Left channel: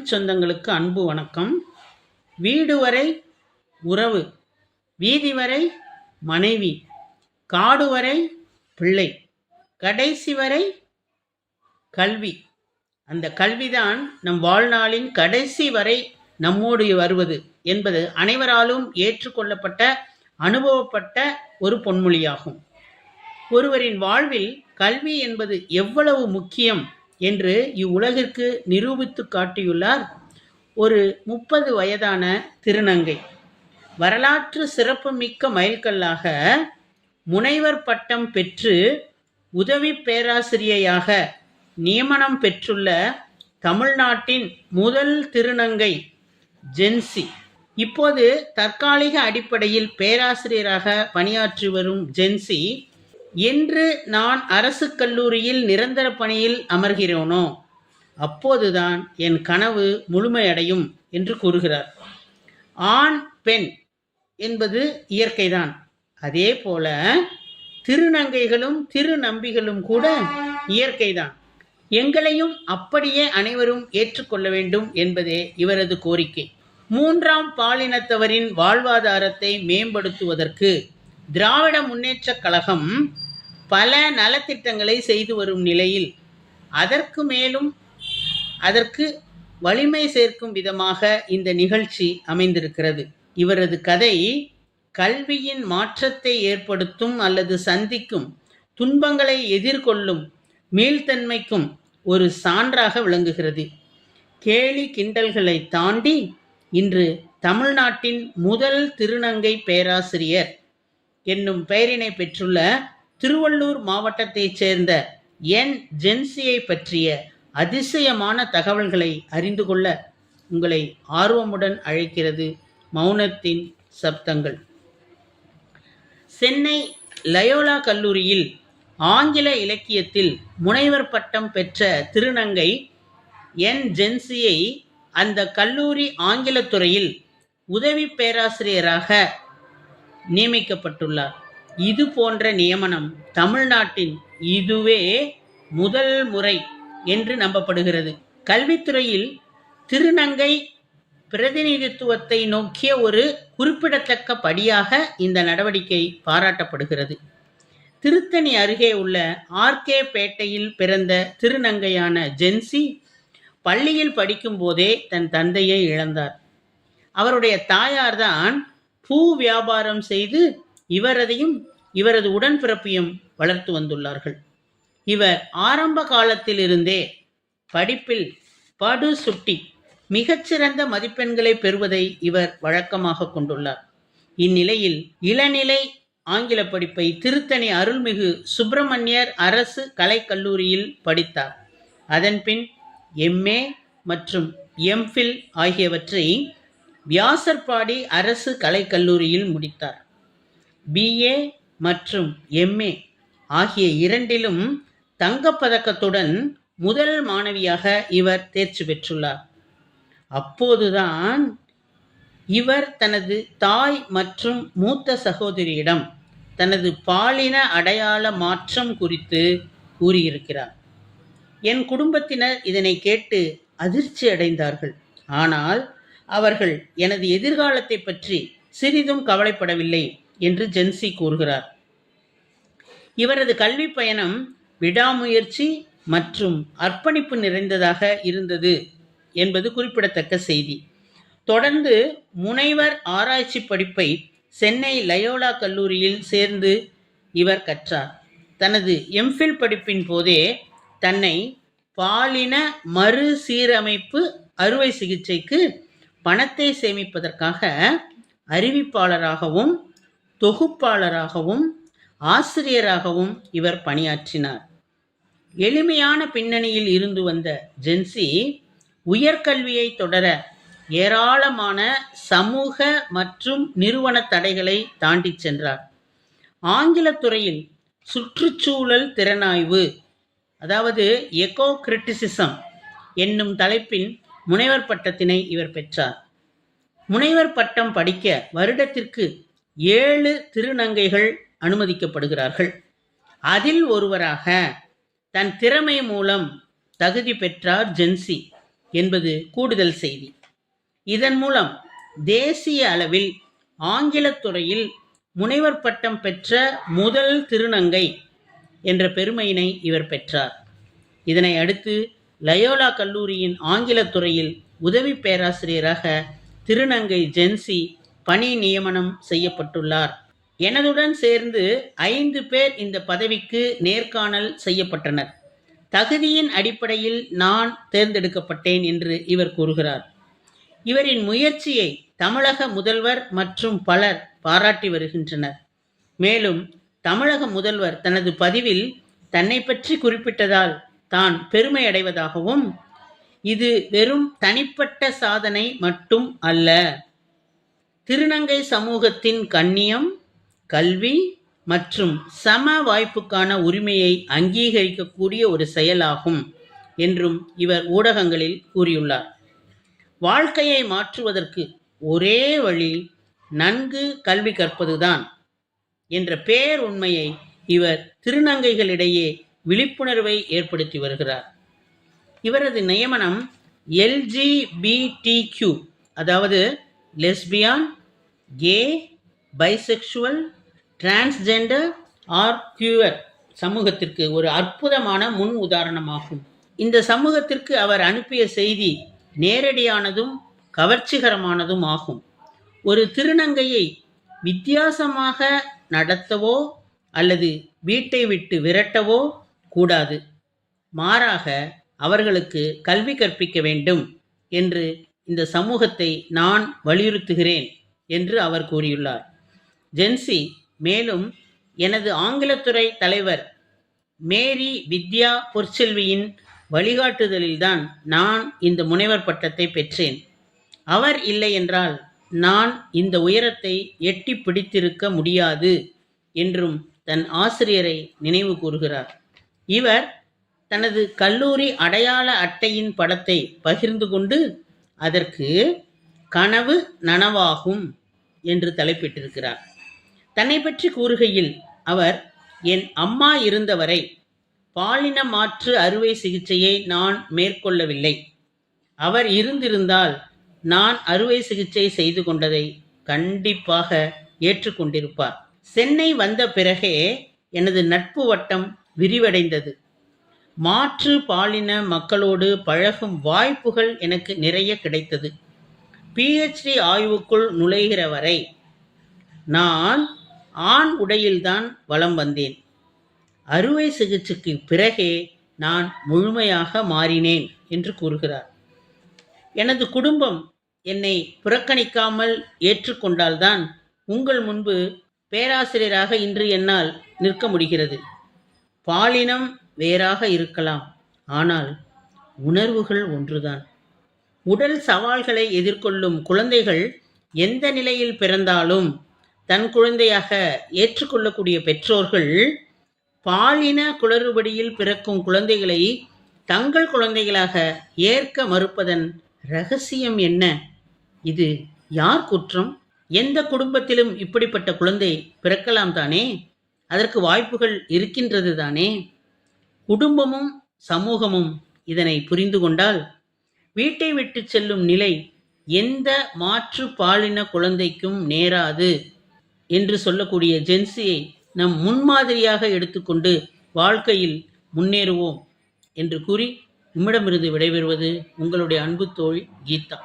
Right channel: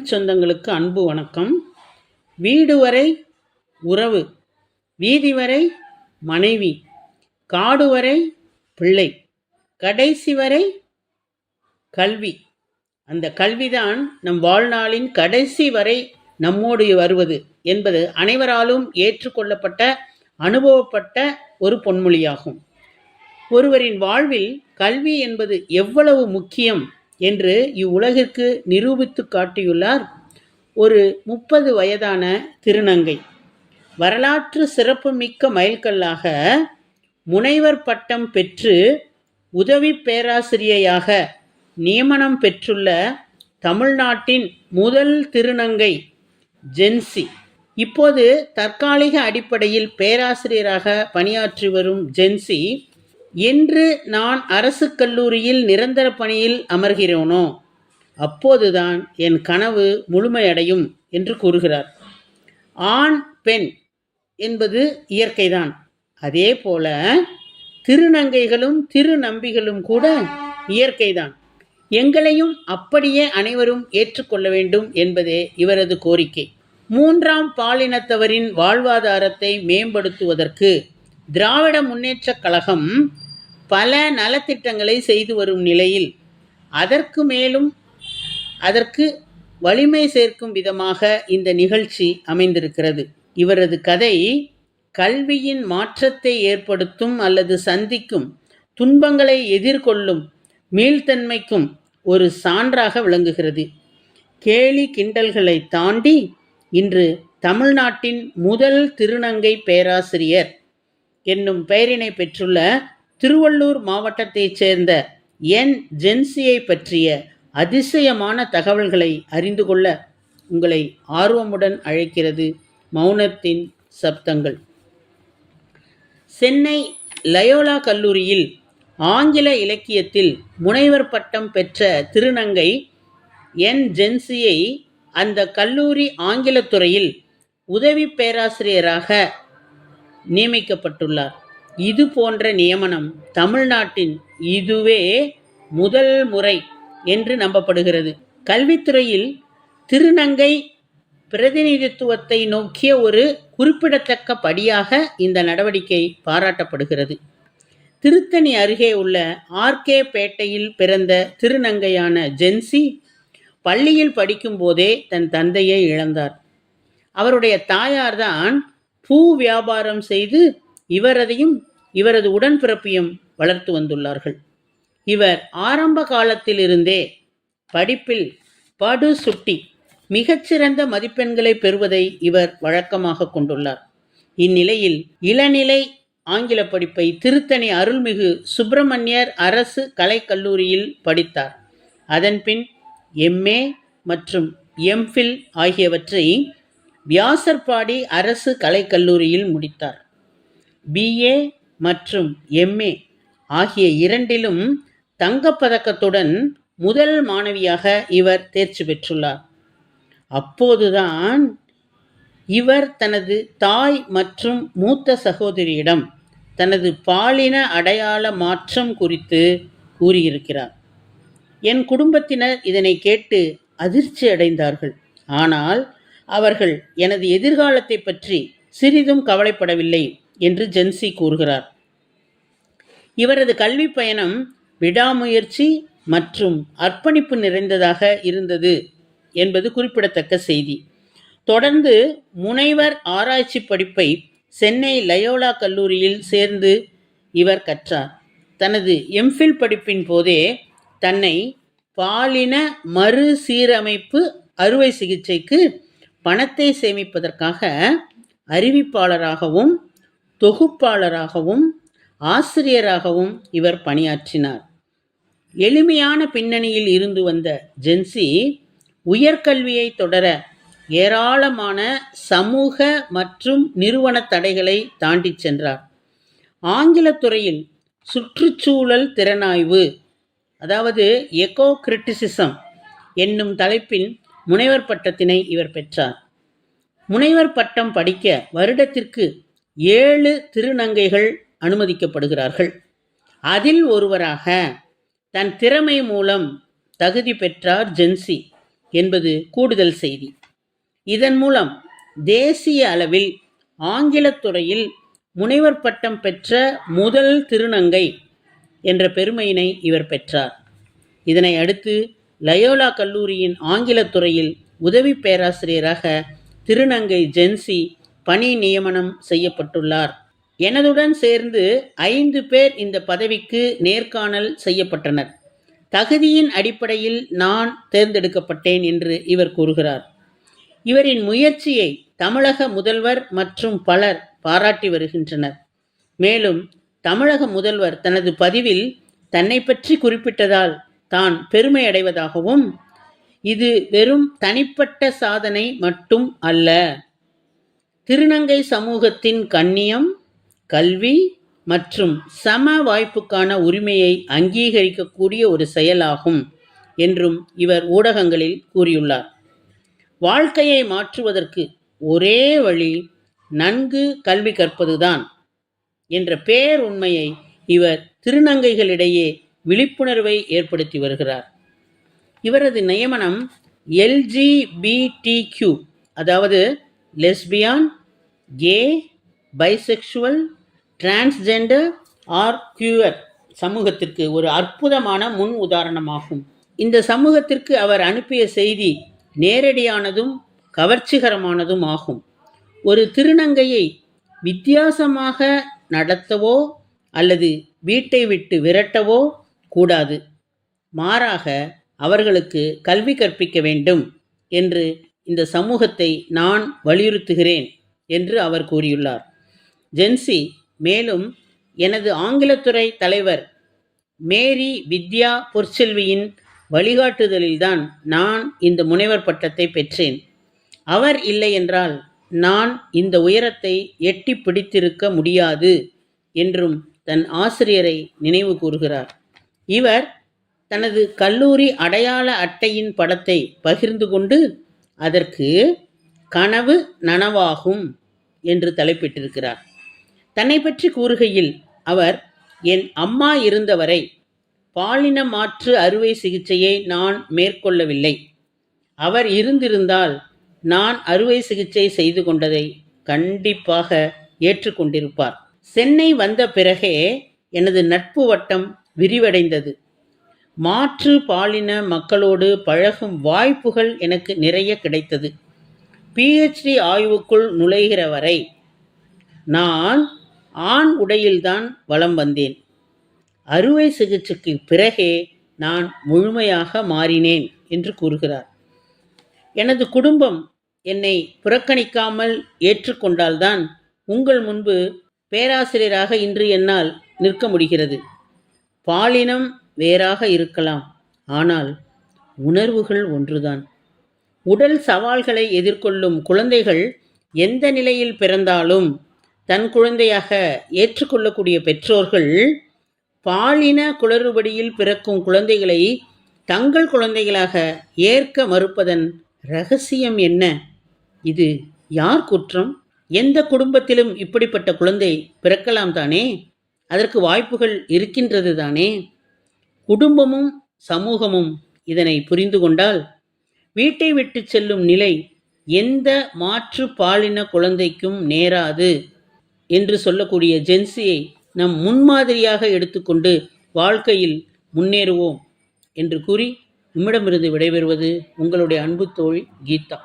தமிழ் சொந்தங்களுக்கு அன்பு வணக்கம். வீடு வரை உறவு வீதி வரை மனைவி காடு வரை பிள்ளை கடைசி வரை கல்வி. அந்த கல்விதான் நம் வாழ்நாளின் கடைசி வரை நம்மோடு வருவது என்பது அனைவராலும் ஏற்றுக்கொள்ளப்பட்ட அனுபவப்பட்ட ஒரு பொன்மொழியாகும். ஒருவரின் வாழ்வில் கல்வி என்பது எவ்வளவு முக்கியம் என்று இவ்வுலகிற்கு நிரூபித்து காட்டியுள்ளார் ஒரு முப்பது வயதான திருநங்கை. வரலாற்று சிறப்புமிக்க மைல்கல்லாக முனைவர் பட்டம் பெற்று உதவி பேராசிரியையாக நியமனம் பெற்றுள்ள தமிழ்நாட்டின் முதல் திருநங்கை ஜென்சி. இப்போது தற்காலிக அடிப்படையில் பேராசிரியராக பணியாற்றி வரும் ஜென்சி என்று நான் அரசு கல்லூரியில் நிரந்தர பணியில் அமர்கிறோனோ? அப்போதுதான் என் கனவு முழுமையடையும் என்று கூறுகிறார். ஆண் பெண் என்பது இயற்கைதான். அதே போல திருநங்கைகளும் திருநம்பிகளும் கூட இயற்கைதான். எங்களையும் அப்படியே அனைவரும் ஏற்றுக்கொள்ள வேண்டும் என்பதே இவரது கோரிக்கை. மூன்றாம் பாலினத்தவரின் வாழ்வாதாரத்தை மேம்படுத்துவதற்கு திராவிட முன்னேற்றக் கழகம் பல நலத்திட்டங்களை செய்து வரும் நிலையில் அதற்கு மேலும் அதற்கு வலிமை சேர்க்கும் விதமாக இந்த நிகழ்ச்சி அமைந்திருக்கிறது. இவரது கதை கல்வியின் மாற்றத்தை ஏற்படுத்தும் அல்லது சந்திக்கும் துன்பங்களை எதிர்கொள்ளும் மீள்தன்மைக்கும் ஒரு சான்றாக விளங்குகிறது. கேலி கிண்டல்களை தாண்டி இன்று தமிழ்நாட்டின் முதல் திருநங்கை பேராசிரியர் என்னும் பெயரினை பெற்றுள்ள திருவள்ளூர் மாவட்டத்தைச் சேர்ந்த என். ஜென்சியை பற்றிய அதிசயமான தகவல்களை அறிந்து கொள்ள உங்களை ஆர்வமுடன் அழைக்கிறது மௌனத்தின் சப்தங்கள். சென்னை லயோலா கல்லூரியில் ஆங்கில இலக்கியத்தில் முனைவர் பட்டம் பெற்ற திருநங்கை என். ஜென்சியை அந்த கல்லூரி ஆங்கிலத்துறையில் உதவி பேராசிரியராக நியமிக்கப்பட்டுள்ளார். இது போன்ற நியமனம் தமிழ்நாட்டின் இதுவே முதல் முறை என்று நம்பப்படுகிறது. கல்வித்துறையில் திருநங்கை பிரதிநிதித்துவத்தை நோக்கிய ஒரு குறிப்பிடத்தக்க படியாக இந்த நடவடிக்கை பாராட்டப்படுகிறது. திருத்தணி அருகே உள்ள ஆர்கே பேட்டையில் பிறந்த திருநங்கையான ஜென்சி பள்ளியில் படிக்கும்போதே தன் தந்தையை இழந்தார். அவருடைய தாயார்தான் பூ வியாபாரம் செய்து இவரதையும் இவரது உடன்பிறப்பையும் வளர்த்து வந்துள்ளார்கள். இவர் ஆரம்ப காலத்திலிருந்தே படிப்பில் படு சுட்டி மிகச்சிறந்த மதிப்பெண்களை பெறுவதை இவர் வழக்கமாக கொண்டுள்ளார். இந்நிலையில் இளநிலை ஆங்கில படிப்பை திருத்தணி அருள்மிகு சுப்பிரமணியர் அரசு கலைக்கல்லூரியில் படித்தார். அதன்பின் எம்ஏ மற்றும் எம்ஃபில் ஆகியவற்றை வியாசர்பாடி அரசு கலைக்கல்லூரியில் முடித்தார். பிஏ மற்றும் எம்ஏ ஆகிய இரண்டிலும் தங்கப்பதக்கத்துடன் முதல் மாணவியாக இவர் தேர்ச்சி பெற்றுள்ளார். அப்போதுதான் இவர் தனது தாய் மற்றும் மூத்த சகோதரியிடம் தனது பாலின அடையாள மாற்றம் குறித்து கூறியிருக்கிறார். என் குடும்பத்தினர் இதனை கேட்டு அதிர்ச்சி அடைந்தார்கள். ஆனால் அவர்கள் எனது எதிர்காலத்தை பற்றி சிறிதும் கவலைப்படவில்லை என்று ஜென்சி கூறுகிறார். இவரது கல்வி பயணம் விடாமுயற்சி மற்றும் அர்ப்பணிப்பு நிறைந்ததாக இருந்தது என்பது குறிப்பிடத்தக்க செய்தி. தொடர்ந்து முனைவர் ஆராய்ச்சி படிப்பை சென்னை லயோலா கல்லூரியில் சேர்ந்து இவர் கற்றார். தனது எம்ஃபில் படிப்பின் போதே தன்னை பாலின மறுசீரமைப்பு அறுவை சிகிச்சைக்கு பணத்தை சேமிப்பதற்காக அறிவிப்பாளராகவும் தொகுப்பாளராகவும் ஆசிரியராகவும் இவர் பணியாற்றினார். எளிமையான பின்னணியில் இருந்து வந்த ஜென்சி உயர்கல்வியை தொடர ஏராளமான சமூக மற்றும் நிறுவன தடைகளை தாண்டி சென்றார். ஆங்கிலத்துறையில் சுற்றுச்சூழல் திறனாய்வு அதாவது எக்கோ கிரிட்டிசிசம் என்னும் தலைப்பின் முனைவர் பட்டத்தினை இவர் பெற்றார். முனைவர் பட்டம் படிக்க வருடத்திற்கு ஏழு திருநங்கைகள் அனுமதிக்கப்படுகிறார்கள். அதில் ஒருவராக தன் திறமை மூலம் தகுதி பெற்றார் ஜென்சி என்பது கூடுதல் செய்தி. இதன் மூலம் தேசிய அளவில் ஆங்கிலத் துறையில் முனைவர் பட்டம் பெற்ற முதல் திருநங்கை என்ற பெருமையினை இவர் பெற்றார். இதனை அடுத்து லயோலா கல்லூரியின் ஆங்கிலத் துறையில் உதவி பேராசிரியராக திருநங்கை ஜென்சி பணி நியமனம் செய்யப்பட்டுள்ளார். எனதுடன் சேர்ந்து ஐந்து பேர் இந்த பதவிக்கு நேர்காணல் செய்யப்பட்டனர். தகுதியின் அடிப்படையில் நான் தேர்ந்தெடுக்கப்பட்டேன் என்று இவர் கூறுகிறார். இவரின் முயற்சியை தமிழக முதல்வர் மற்றும் பலர் பாராட்டி வருகின்றனர். மேலும் தமிழக முதல்வர் தனது பதிவில் தன்னை பற்றி குறிப்பிட்டதால் தான் பெருமை அடைவதாகவும் இது வெறும் தனிப்பட்ட சாதனை மட்டும் அல்ல. திருநங்கை சமூகத்தின் கண்ணியம் கல்வி மற்றும் சம வாய்ப்புக்கான உரிமையை அங்கீகரிக்கக்கூடிய ஒரு செயலாகும் என்றும் இவர் ஊடகங்களில் கூறியுள்ளார். வாழ்க்கையை மாற்றுவதற்கு ஒரே வழி நன்கு கல்வி கற்பதுதான் என்ற பேர் உண்மையை இவர் திருநங்கைகளிடையே விழிப்புணர்வை ஏற்படுத்தி வருகிறார். இவரது நியமனம் எல்ஜிபிடிக்யூ அதாவது lesbian gay bisexual transgender or queer சமூகத்திற்கு ஒரு அற்புதமான முன் உதாரணமாகும். இந்த சமூகத்திற்கு அவர் அனுப்பிய செய்தி நேரடியானதும் கவர்ச்சிகரமானதும் ஆகும். ஒரு திருநங்கையை வித்தியாசமாக நடத்தவோ அல்லது வீட்டை விட்டு விரட்டவோ கூடாது. மாறாக அவர்களுக்கு கல்வி கற்பிக்க வேண்டும் என்று இந்த சமூகத்தை நான் வலியுறுத்துகிறேன் என்று அவர் கூறியுள்ளார். ஜென்சி மேலும் எனது ஆங்கிலத்துறை தலைவர் மேரி வித்யா பொற்செல்வியின் வழிகாட்டுதலில்தான் நான் இந்த முனைவர் பட்டத்தை பெற்றேன். அவர் இல்லை என்றால் நான் இந்த உயரத்தை எட்டி பிடித்திருக்க முடியாது என்றும் தன் ஆசிரியரை நினைவு கூறுகிறார். இவர் தனது கல்லூரி அடையாள அட்டையின் படத்தை பகிர்ந்து கொண்டு அதற்கு கனவு நனவாகும் என்று தலைப்பிட்டிருக்கிறார். தன்னை பற்றி கூறுகையில் அவர் என் அம்மா இருந்தவரை பாலின மாற்று அறுவை சிகிச்சையை நான் மேற்கொள்ளவில்லை. அவர் இருந்திருந்தால் நான் அறுவை சிகிச்சை செய்து கொண்டதை கண்டிப்பாக ஏற்றுக்கொண்டிருப்பார். சென்னை வந்த பிறகே எனது நட்பு வட்டம் விரிவடைந்தது. மாற்று பாலின மக்களோடு பழகும் வாய்ப்புகள் எனக்கு நிறைய கிடைத்தது. பிஹெச்டி ஆய்வுக்குள் நுழைகிற வரை நான் ஆண் உடையில்தான் வலம் வந்தேன். அறுவை சிகிச்சைக்கு பிறகே நான் முழுமையாக மாறினேன் என்று கூறுகிறார். எனது குடும்பம் என்னை புறக்கணிக்காமல் ஏற்றுக்கொண்டால்தான் உங்கள் முன்பு பேராசிரியராக இன்று என்னால் நிற்க முடிகிறது. பாலினம் வேறாக இருக்கலாம். ஆனால் உணர்வுகள் ஒன்றுதான். உடல் சவால்களை எதிர்கொள்ளும் குழந்தைகள் எந்த நிலையில் பிறந்தாலும் தன் குழந்தையாக ஏற்றுக்கொள்ளக்கூடிய பெற்றோர்கள் பாலின குளறுபடியில் பிறக்கும் குழந்தைகளை தங்கள் குழந்தைகளாக ஏற்க மறுப்பதன் ரகசியம் என்ன? இது யார் குற்றம்? எந்த குடும்பத்திலும் இப்படிப்பட்ட குழந்தை பிறக்கலாம் தானே? அதற்கு வாய்ப்புகள் இருக்கின்றது தானே? குடும்பமும் சமூகமும் இதனை புரிந்து கொண்டால் வீட்டை விட்டு செல்லும் நிலை எந்த மாற்று பாலின குழந்தைக்கும் நேராது என்று சொல்லக்கூடிய ஜென்சியை நம் முன்மாதிரியாக எடுத்துக்கொண்டு வாழ்க்கையில் முன்னேறுவோம் என்று கூறி நம்மிடமிருந்து விடைபெறுவது உங்களுடைய அன்பு தோழி கீதா.